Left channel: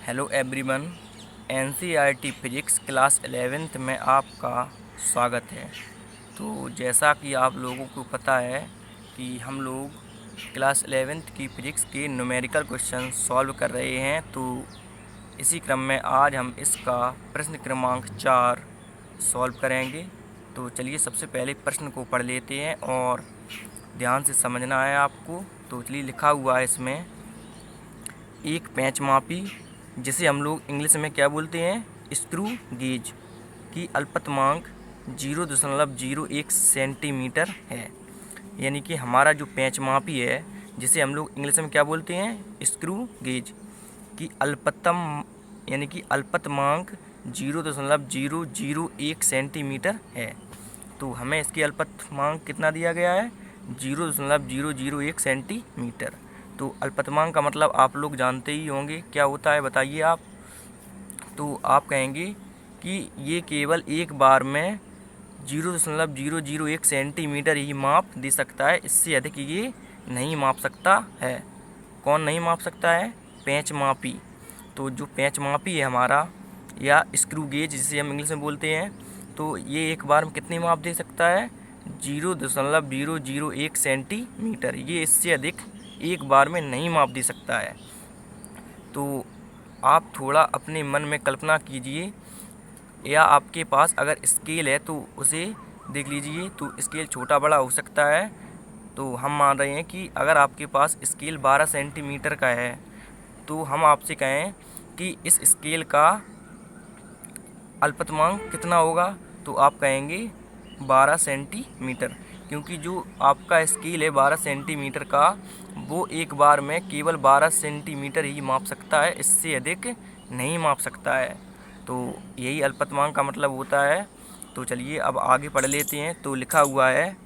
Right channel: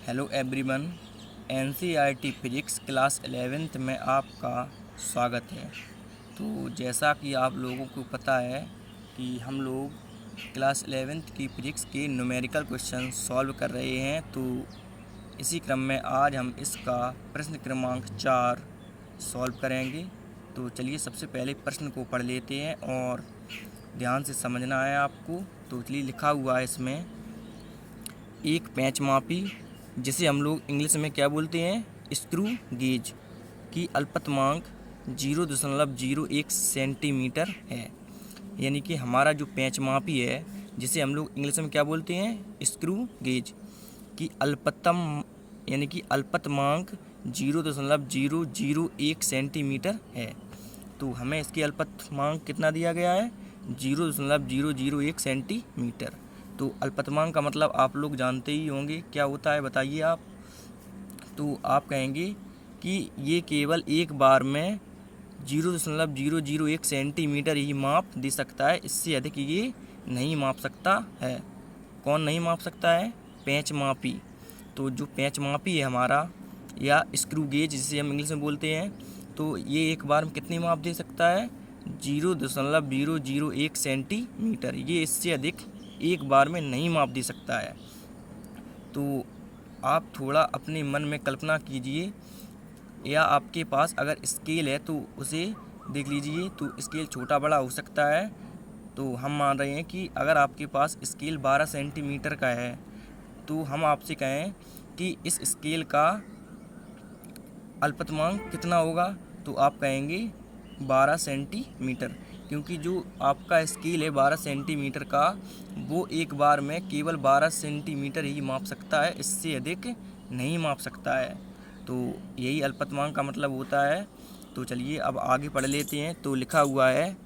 Hello everyone. NCERT physics class 11th में आपका स्वागत है। तो जैसा कि आप लोगों को पता है कि हम लोग क्लास 11th की फिजिक्स के न्यूमेरिकल क्वेश्चन सॉल्व कर रहे हैं। तो इसी क्रम में आज हम इसका प्रश्न क्रमांक 4 सॉल्व करेंगे। तो चलिए सबसे पहले प्रश्न को पढ़ लेते हैं और ध्यान से समझना है आपको। तो चलिए लिखा हुआ है इसमें, एक पेंच मापी जिसे हम लोग इंग्लिश में क्या बोलते हैं, स्क्रू गेज की अल्पतमांक 0.01 सेंटीमीटर है। यानी कि हमारा जो पेंच मापी है जिसे हम लोग इंग्लिश में क्या बोलते हैं, स्क्रू गेज की अल्पतमांक 0.001 सेंटीमीटर है। तो हमें इसकी अल्पतमांक कितना दिया गया है, 0.001 सेंटीमीटर। तो अल्पतमांक का मतलब आप लोग जानते ही होंगे क्या होता है, बताइए आप। तो आप कहेंगे कि ये केवल एक बार में 0.001 सेंटीमीटर ही माप दे सकता है, इससे अधिक ये नहीं माप सकता है। कौन नहीं माप सकता है, पेंच मापी। तो जो पेंच मापी है हमारा, या स्क्रू गेज जिसे हम इंग्लिश में बोलते हैं, तो ये एक बार में कितनी माप दे सकता है, 0.001 सेंटीमीटर। ये इससे अधिक एक बार में नहीं माप दे सकता है। तो आप थोड़ा अपने मन में कल्पना कीजिए, या आपके पास अगर स्केल है तो उसे देख लीजिए। तो स्केल छोटा बड़ा हो सकता है। तो हम मान रहे हैं कि अगर आपके पास स्केल 12 सेंटीमीटर का है, तो हम आपसे कहें कि इस स्केल का अल्पतमांक कितना होगा, तो आप कहेंगे 12 सेंटीमीटर। क्योंकि जो आपका स्केल है 12 सेंटीमीटर का, वो एक बार में केवल 12 सेंटीमीटर ही माप सकता है, इससे अधिक नहीं माप सकता है। तो यही अल्पतमांक का मतलब होता है। तो चलिए अब आगे पढ़ लेते हैं। तो लिखा हुआ है,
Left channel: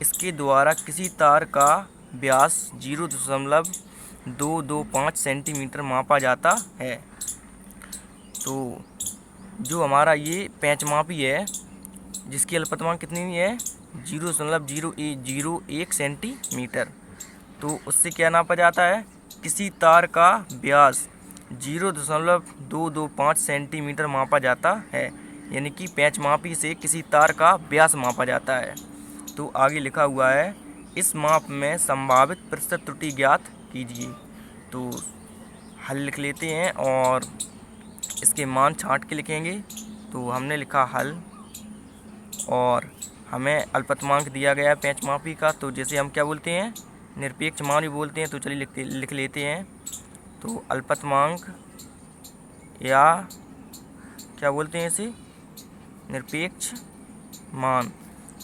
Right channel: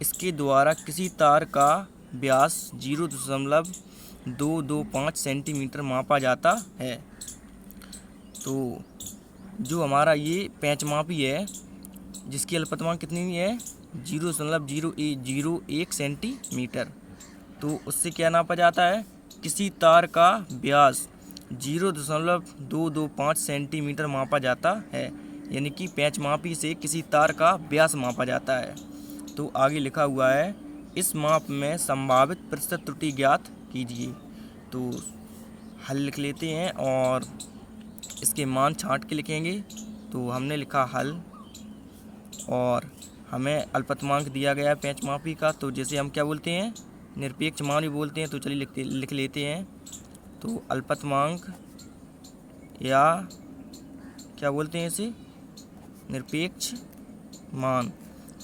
इसके द्वारा किसी तार का व्यास 0.225 सेंटीमीटर मापा जाता है। तो जो हमारा ये पेंच मापी है जिसकी अल्पतमांक कितनी है, 0.001 सेंटीमीटर, तो उससे क्या नापा जाता है, किसी तार का व्यास 0.225 सेंटीमीटर मापा जाता है। यानी कि पेंच मापी से किसी तार का व्यास मापा जाता है। तो आगे लिखा हुआ है, इस माप में संभावित प्रतिशत त्रुटि ज्ञात कीजिए। तो हल लिख लेते हैं और इसके मान छांट के लिखेंगे। तो हमने लिखा हल, और हमें अल्पतमांक दिया गया है पेंच मापी का, तो जैसे हम क्या बोलते हैं, निरपेक्ष मान भी बोलते हैं। तो चलिए लिख लेते हैं। तो अल्पतमांक, या क्या बोलते हैं इसे, निरपेक्ष मान।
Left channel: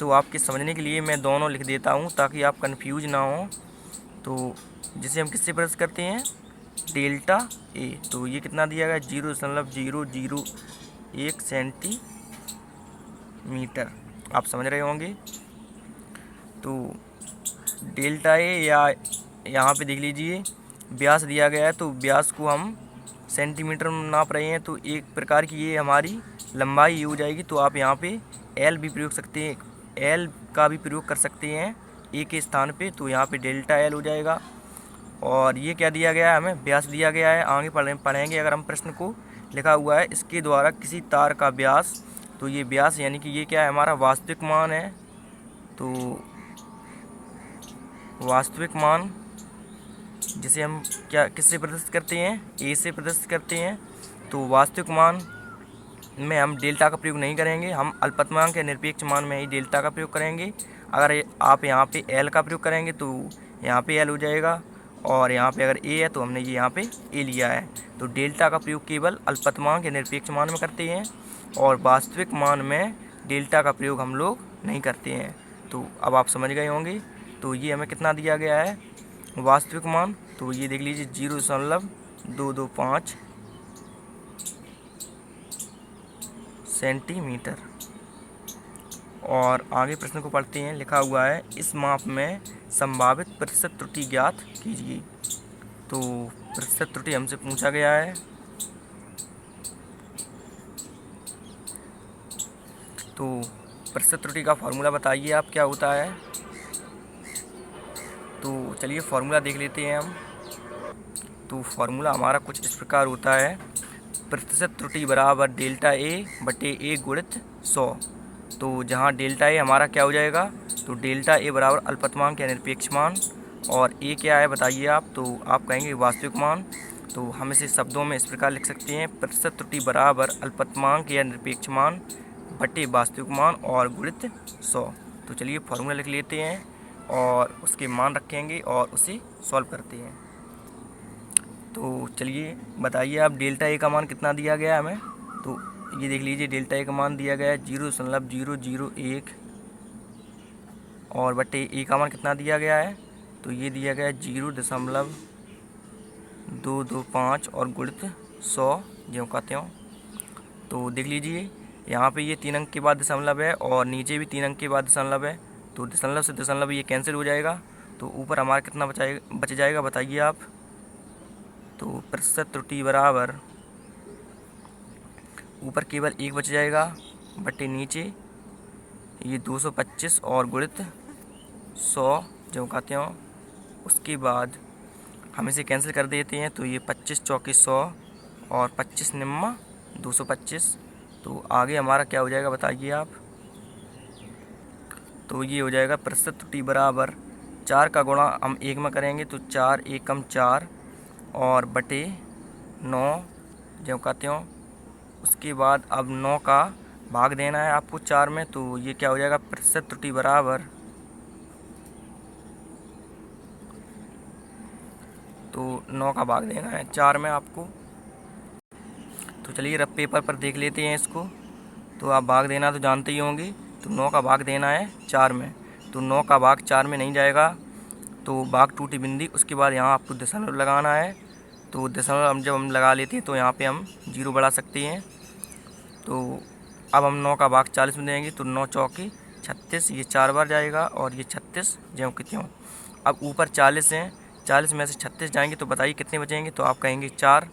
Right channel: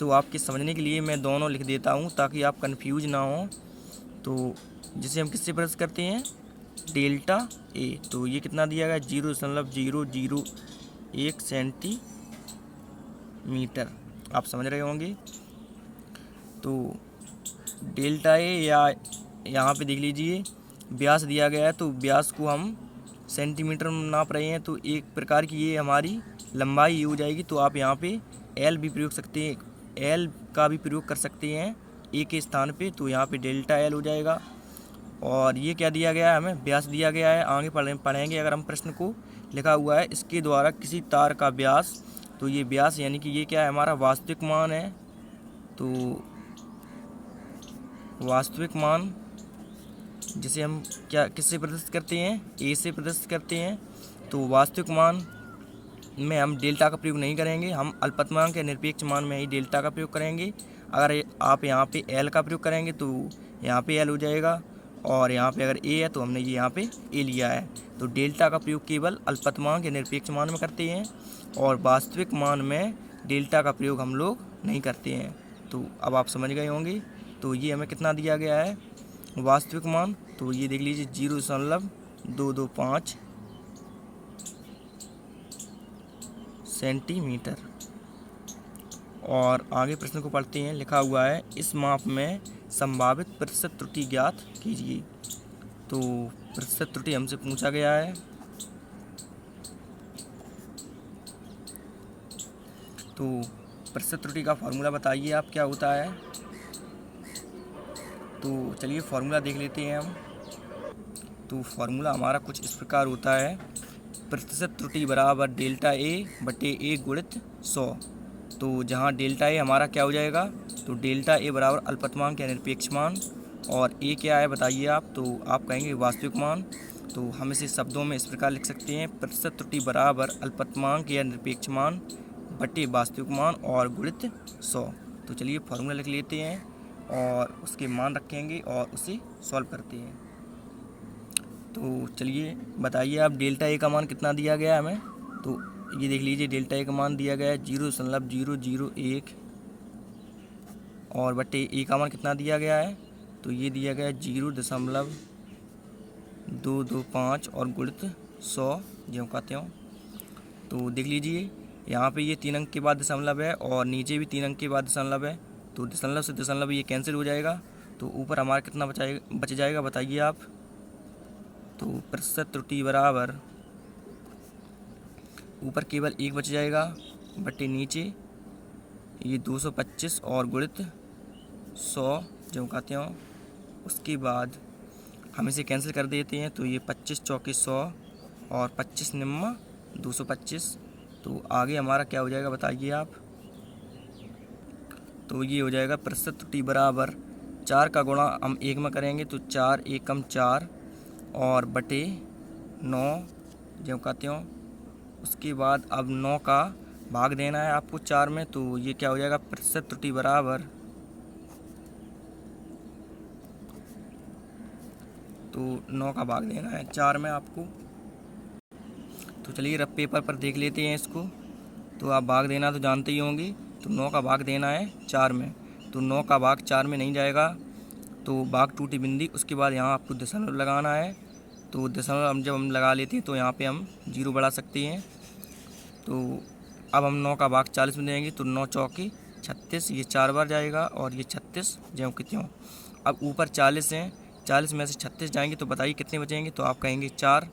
तो आपके समझने के लिए मैं दोनों लिख देता हूँ ताकि आप कंफ्यूज ना हो। तो जिसे हम किससे प्रदर्शित करते हैं, डेल्टा ए। तो ये कितना दिया गया, 0.001 सेंटीमीटर। आप समझ रहे होंगे। तो डेल्टा ए, या यहाँ पे देख लीजिए व्यास दिया गया है, तो व्यास को हम सेंटीमीटर में नाप रहे हैं। तो एक प्रकार की ये हमारी लंबाई हो जाएगी। तो आप यहाँ पे एल भी प्रयोग सकते हैं, एल का भी प्रयोग कर सकते हैं ए के स्थान पे। तो यहाँ पे डेल्टा एल हो जाएगा। और ये क्या दिया गया है, हमें व्यास दिया गया है। आगे पढ़ेंगे अगर हम प्रश्न को। लिखा हुआ है, इसके द्वारा किसी तार का व्यास। तो ये व्यास यानी कि ये क्या है, हमारा वास्तविक मान है। तो वास्तविक मान जिसे हम क्या किससे प्रदर्शित करते हैं, ए से प्रदर्शित करते हैं। तो वास्तविक मान में हम डेल्टा का प्रयोग नहीं करेंगे, हम अल्पतमांक या निरपेक्ष मान में ही डेल्टा का प्रयोग करेंगे। अगर आप यहाँ पे एल का प्रयोग करेंगे तो यहाँ पे एल हो जाएगा, और यहाँ पे अगर ए है तो हमने ये यहाँ पे ए लिया है। तो डेल्टा का प्रयोग केवल अल्पतमांक या निरपेक्ष मान में करते हैं, और वास्तविक मान में डेल्टा का प्रयोग हम लोग नहीं करते हैं। तो अब आप समझ गए होंगे। तो ये हमें कितना दिया गया है, वास्तविक मान। तो ये देख लीजिए 0.225 सेंटीमीटर। और आगे प्रश्न को पढ़ते हैं। लिखा हुआ है, इस माप में संभावित प्रतिशत त्रुटि ज्ञात कीजिए। तो प्रतिशत त्रुटि हमसे पूछा गया है। तो प्रतिशत त्रुटि का फॉर्मूला बताइए आप क्या होता है। तो चलिए फॉर्मूला देख लेते हैं हम। तो फार्मूला हमारा कुछ इस प्रकार होता है, प्रतिशत त्रुटि बराबर डेल्टा ए बटे ए गुणित 100। तो जहाँ डेल्टा ए हमारा क्या हो जाएगा, तो डेल्टा ए बराबर अल्पतमांक या निरपेक्ष मान, और ए क्या है बताइए आप, तो आप कहेंगे वास्तविक मान। तो हम इसे शब्दों में इस प्रकार लिख सकते हैं, प्रतिशत त्रुटि बराबर अल्पतमांक या निरपेक्ष मान बटे वास्तविक मान और गुणित 100। तो चलिए फार्मूला लिख लेते हैं और उसके मान रखेंगे और उसे सॉल्व करते हैं। तो चलिए बताइए आप, डेल्टा ए का मान कितना दिया गया है हमें, तो ये देख लीजिए डेल्टा ए का मान दिया गया है 0.001 और बटे ए का मान कितना दिया गया है, तो ये दिया गया है 0.225 और गुणित 100 ज्यों का त्यों। तो देख लीजिए यहाँ पे ये 3 अंक के बाद दशमलव है और नीचे भी 3 अंक के बाद दशमलव है, तो दशमलव से दशमलव ये कैंसिल हो जाएगा। तो ऊपर हमारा कितना बच जाएगा बताइए आप, तो प्रतिशत त्रुटि बराबर ऊपर केवल 1 बच जाएगा बटे नीचे ये 225 और गुणित 100 जो का त्यों। उसके बाद हम इसे कैंसिल कर देते हैं, तो ये 25 चौके 100 और 25 निम्मा 225। तो आगे हमारा क्या हो जाएगा बताइए आप, तो ये हो जाएगा प्रतिशत त्रुटि बराबर 4 का गुणा हम 1 में करेंगे, तो 4 एकम 4 और बटे 9 ज्यों का त्यों। उसके बाद अब 9 का भाग देना है आपको 4 में, तो ये क्या हो जाएगा प्रतिशत त्रुटि बराबर, तो 9 का भाग देना है 4 में आपको। तो चलिए रफ पेपर पर देख लेते हैं इसको, तो आप भाग देना तो जानते ही होंगे, तो 9 का भाग देना है 4 में, तो 9 का भाग 4 में नहीं जाएगा, तो भाग टूटी बिंदी। उसके बाद यहाँ आपको दशमलव लगाना है, तो दशमलव जब हम लगा लेते हैं तो यहाँ पे हम 0 बढ़ा सकते हैं। तो अब हम 9 का भाग 40 में देंगे, तो 9 चौके 36, ये 4 बार जाएगा और ये 36 ज्यों कि त्यों। अब ऊपर 40 हैं, 40 में से 36 जाएंगे, तो बताइए कितने बचेंगे, तो आप कहेंगे 4।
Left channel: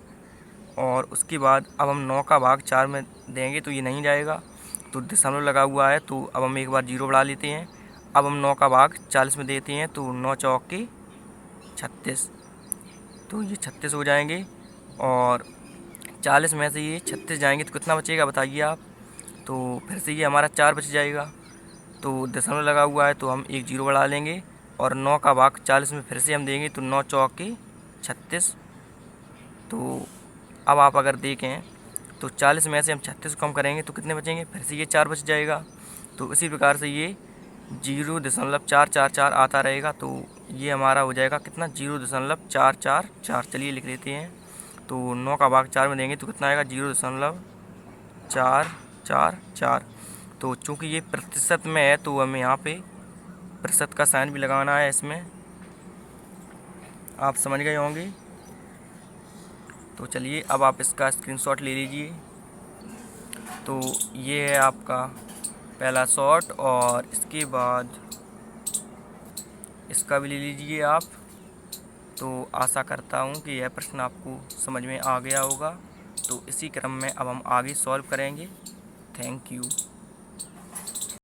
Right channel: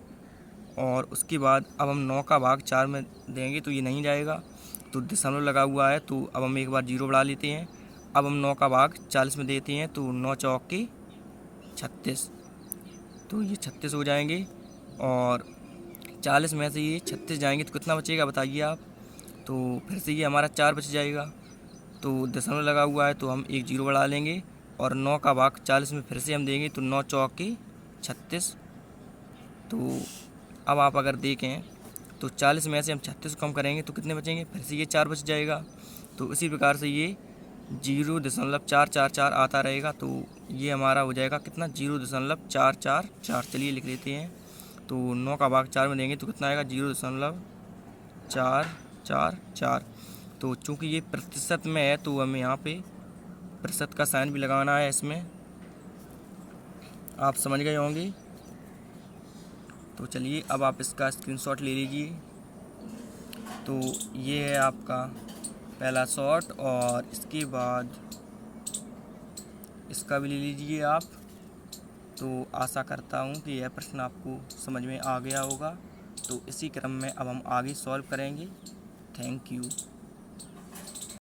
और उसके बाद अब हम 9 का भाग 4 में देंगे, तो ये नहीं जाएगा, तो दशमलव लगा हुआ है, तो अब हम एक बार 0 बढ़ा लेते हैं। अब हम 9 का भाग 40 में देते हैं, तो 9 चौके 36, तो ये 36 हो जाएंगे। और 40 में से ये 36 जाएंगे तो कितना बचेगा बताइए आप, तो फिर से ये हमारा 4 बच जाएगा, तो दशमलव लगा हुआ है, तो हम एक 0 बढ़ा लेंगे और 9 का भाग 40 में फिर से हम देंगे, तो 9 चौके 36। तो अब आप अगर देखें तो 40 में से हम 36 को कम करेंगे तो कितने बचेंगे, फिर से ये 4 बच जाएगा। तो इसी प्रकार से ये 0.444 आता रहेगा, तो ये हमारा हो जाएगा कितना 0.444। चलिए लिख लेते हैं, तो 9 का भाग 4 में देंगे तो कितना आएगा 0.444। तो चूँकि ये प्रतिशत में है तो हमें यहाँ पे प्रतिशत का साइन भी लगाना है इसमें, आप समझ गए होंगे। तो चलिए अब आप इसका स्क्रीनशॉट ले लीजिए। तो ये है आपका पहला शॉट और इसके बाद इसका भी ले लीजिए आप। तो आशा करता हूँ कि यह प्रश्न आपको समझ में आ गया होगा। तो इसी क्रम में अब हम आगे सॉल्व करेंगे। Thank you.